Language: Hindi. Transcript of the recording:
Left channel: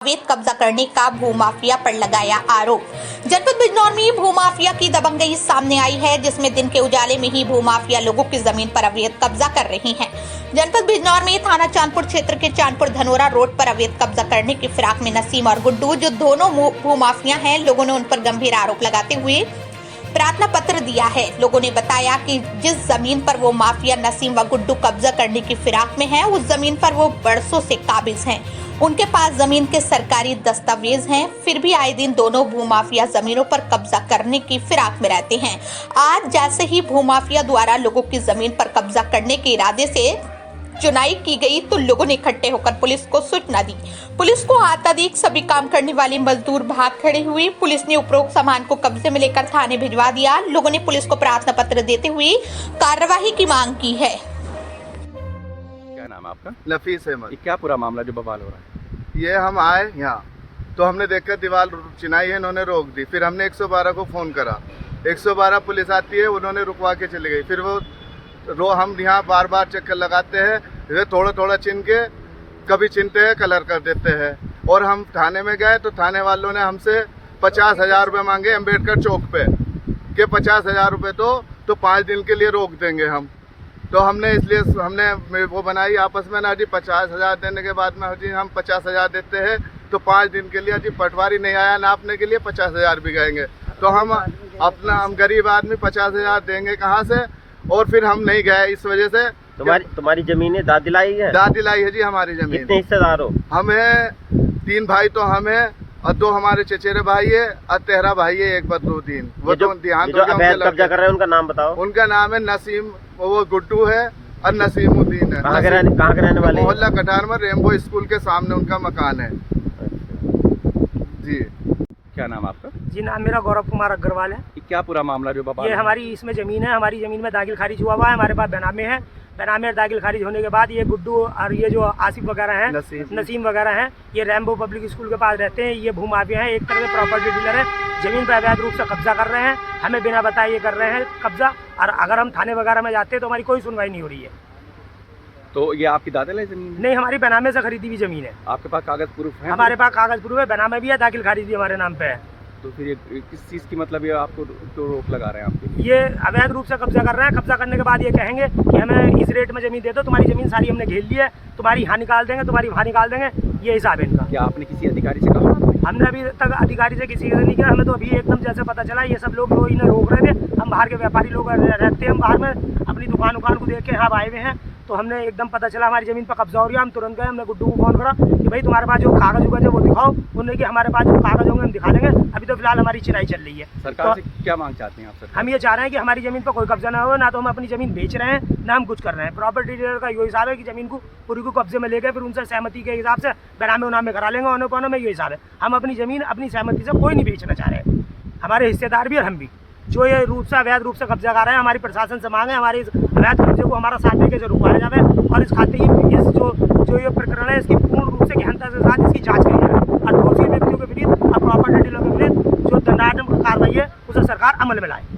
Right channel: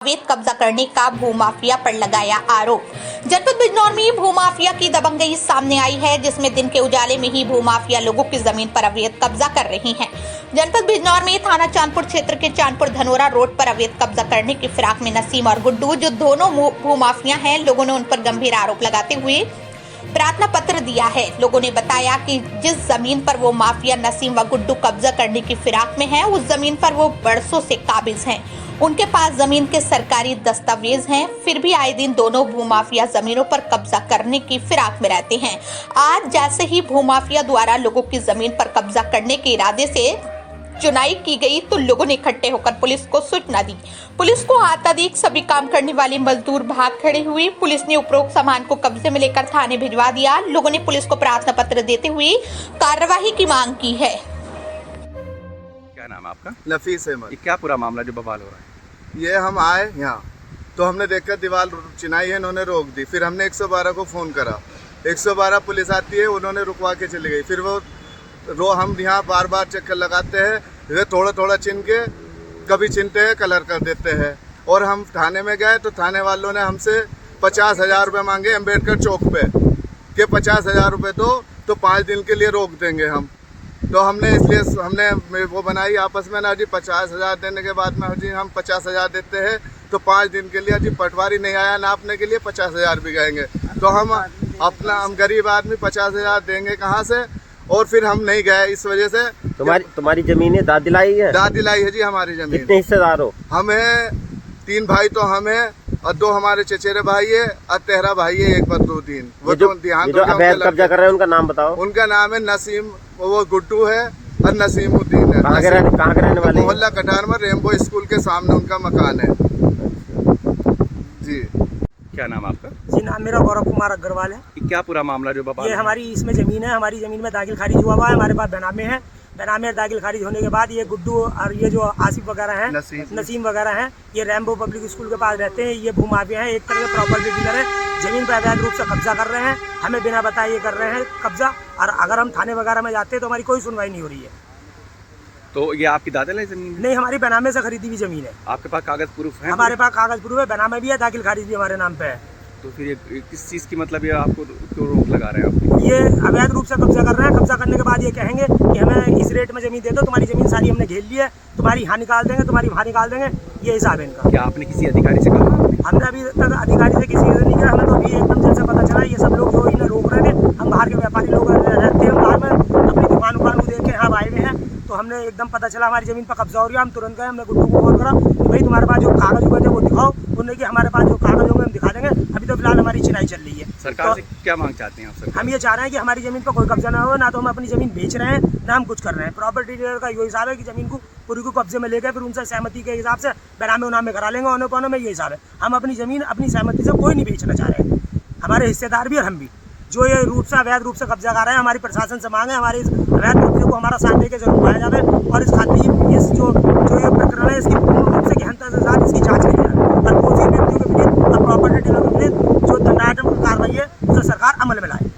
अवैध कब्जा करने का भूमाफिया पर लगाया आरोप। जनपद बिजनौर में भूमाफिया की दबंगई सामने आई है, जिसमें दिन के उजाले में ही भूमाफिया लोगों की जमीन पर अवैध कब्जा कर रही हैं। जनपद बिजनौर में थाना चांदपुर क्षेत्र के चांदपुर धनोरा रोड पर अवैध कब्जा करने की फिराक में नसीम और गुड्डू, जो दोनों भूमाफिया हैं, लोगों ने उन पर गंभीर आरोप लगाते हुए प्रार्थना पत्र दिया है। लोगों ने बताया कि जिस जमीन पर वो माफिया नसीम व गुड्डू कब्जा करने की फिराक में है, उस जमीन पर वो बरसों से काबिज हैं। उनके पास जमीन के सरकारी दस्तावेज हैं, फिर भी आए दिन दोनों भूमाफिया जमीनों पर कब्जा करने की फिराक में रहते हैं। आज जैसे ही भूमाफिया द्वारा लोगों की जमीन पर कब्जा करने के इरादे से चुनाई की गई, तो लोगों ने इकट्ठे होकर पुलिस को सूचना दी। पुलिस को आता देख सभी काम करने वाले मजदूर भाग खड़े हुए। पुलिस ने उपरोक्त सामान को कब्जे में लेकर थाने भिजवा दिया। लोगों ने पुलिस को प्रार्थना पत्र देते हुए कार्यवाही की मांग की है। क्या नाम है आपका? नफीस अहमद। ये क्या पूरा मामला जो बवाल हो रहा है? ये हम आए यहाँ तो हमने देखकर दीवार चिनाई है, इन्होंने रोक दी। फिर हमने 112 को फ़ोन करा, 112 पुलिस आती है, उन्होंने रुकवा के चली गई। फिर वो हम यहाँ बार बार चक्कर लगाते हैं, वे थोड़ा थोड़ा चिन के कभी चिनते हैं, कलर कर देते हैं। और हम थाने में गए तो थाने वालों ने हमसे 50,000 रुपये मांगे अम्बेडकर चौक पे कि 50,000 रुपये तो 5 दिन के लिए रोक देंगे हम। तो हमने इसलिए हमने वो बनाई आपस में ना जी, 50,000 देने के बाद में जी हम 50,000 देते हैं तो 5 दिन के लिए जी पटवारी नहीं आया नापने के लिए 50,000 भी गएंगे। तो हम गरीब आदमी 50,000 देंगे कहाँ से? और फिर हम नहीं गए इस वजह से। तुम्हारी जमीन है, दाद दिलाई है? दाद दिलाई है जी हमारी जमीन। कितने हिस्सेदार हो? हम हैं 3 भाई, तो हम हैं और 2 हमारे चचेरे भाई है और 13 भाई है, 1 बदरुद्दीन। वो तो ध्यान कब्जा कर रहे हैं, उनका नाम बताओ। उनका नाम है नसीम, वो गुड्डू है और नसीमुद्दीन है। कहाँ के रहने वाले? मोहल्ला कटार में रेम्बो स्कूल के सामने उनका मकान है जी। क्या नाम आपका? जी नाम मेरा गौरव कुमार अग्रवाल है। ये क्या पूरा मामला जो बवाल? ये हमारी इसमें ज़मीन है, हमारी ज़मीन में दाखिल खारिज हुआ है, हमारे पास बेनामे है। बेनामे दाखिल खारिज होने के बाद ये गुड्डू और ये जो आसिफ वगैरह हैं, नसीम वगैरह हैं, ये रैम्बो पब्लिक स्कूल के पास रहते हैं। ये भूमाफिया हैं, एक तरह के प्रॉपर्टी डीलर है, ज़मीन पर अवैध रूप से कब्जा कर रहे हैं। हमें बिना बताए ये कर रहे हैं कब्जा, और अगर हम थाने वगैरह में जाते हैं तो हमारी कोई सुनवाई नहीं हो रही है। तो ये आपकी दादल है जमीन? नहीं, हमारी बेनामे से खरीदी हुई ज़मीन है। आपके पास कागज प्रूफ है? हमारे पास कागज प्रूफ है, बेनामे भी है, दाखिल खारिज भी हमारे नाम पे है। तो फिर ये किस चीज़ की मतलब ये आपको क्यों रोक लगा रहे हैं आप? ये अवैध रूप से कब्जा कर रहे हैं। कब्जा करने के बाद ये कहेंगे कि हमें इस रेट में ज़मीन दे दो, तुम्हारी ज़मीन सारी हमने घेर ली है, तुम्हारी यहाँ निकाल देंगे, तुम्हारी वहाँ निकाल देंगे। ये हिसाब है इनका। क्या आपने किसी अधिकारी से कहा? हमने अभी तक अधिकारी से किसी से नहीं किया। हमें तो अभी एकदम जैसे पता चला ये सब लोग जो इन्हें रोक रहे थे, हम बाहर के व्यापारी लोग रहते हैं, हम बाहर में अपनी दुकान को देख के यहाँ आए हुए हैं, तो हमने एकदम पता चला हमारी ज़मीन पर कब्जा हो रही है। हम तुरंत गए, हमने गुड्डू को फोन करा कि भाई तुम्हारे पास जो कागज उगज है वो दिखाओ। उन्होंने कि हमारे पास जो कागज होंगे हम दिखा देंगे। अभी तो फिलहाल हमारी चिनाई चल रही है। सरकार से क्या मांग चाहते हैं आप? सर हम ये चाह रहे हैं कि हमारी ज़मीन पर कोई कब्जा ना हो, ना तो हम अपनी ज़मीन बेच रहे हैं, ना हम कुछ कर रहे हैं। प्रॉपर्टी डीलर का ये हिसाब है कि ज़मीन को पूरी को कब्जे में लेके फिर उनसे सहमति के हिसाब से बेनामे उनामे करा लेंगे। औने पौने में ये हिसाब है। हम अपनी ज़मीन अपनी सहमति से कोई नहीं बेचना चाह रहे हैं, हमारे हिस्सेदार भी और हम भी। जो ये रूप से अवैध रूप से कब्जा कर रहे हैं, हमारी प्रशासन से मांगे हमारे इस अवैध कब्जे को हमारा साथ देकर जरूर पाया जाए, और इस खातिर इस जो ये प्रकरण है इसकी पूर्ण रूप से गहनता के साथ इसकी जाँच की जाए, और दोषी व्यक्तियों के विरुद्ध और प्रॉपर्टी डीलर के विरुद्ध जो दंडात्मक कार्रवाई है उसे सरकार अमल में लाए।